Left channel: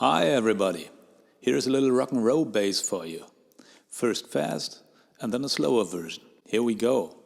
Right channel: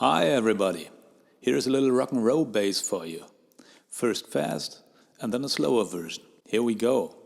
Hi everybody, here's a little rock and roll bass for you. First fast and then a slower version. Here we go.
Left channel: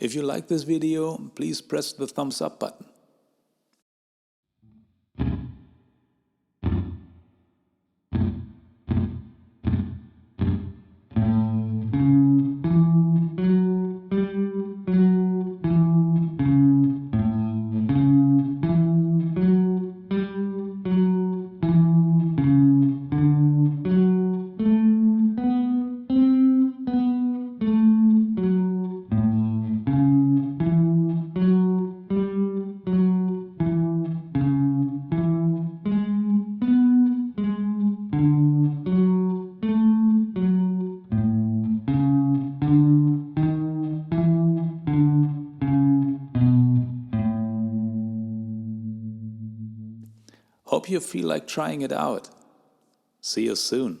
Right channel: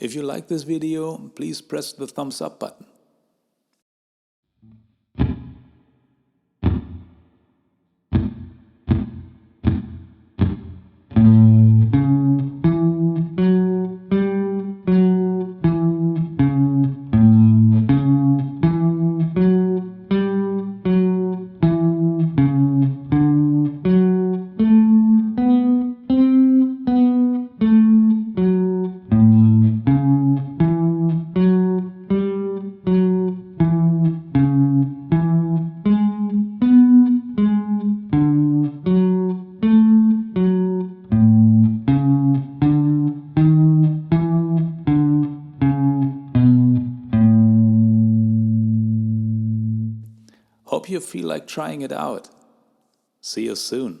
If you like this video, please press the thumbs up button. Hope you feel like trying it out. See you soon.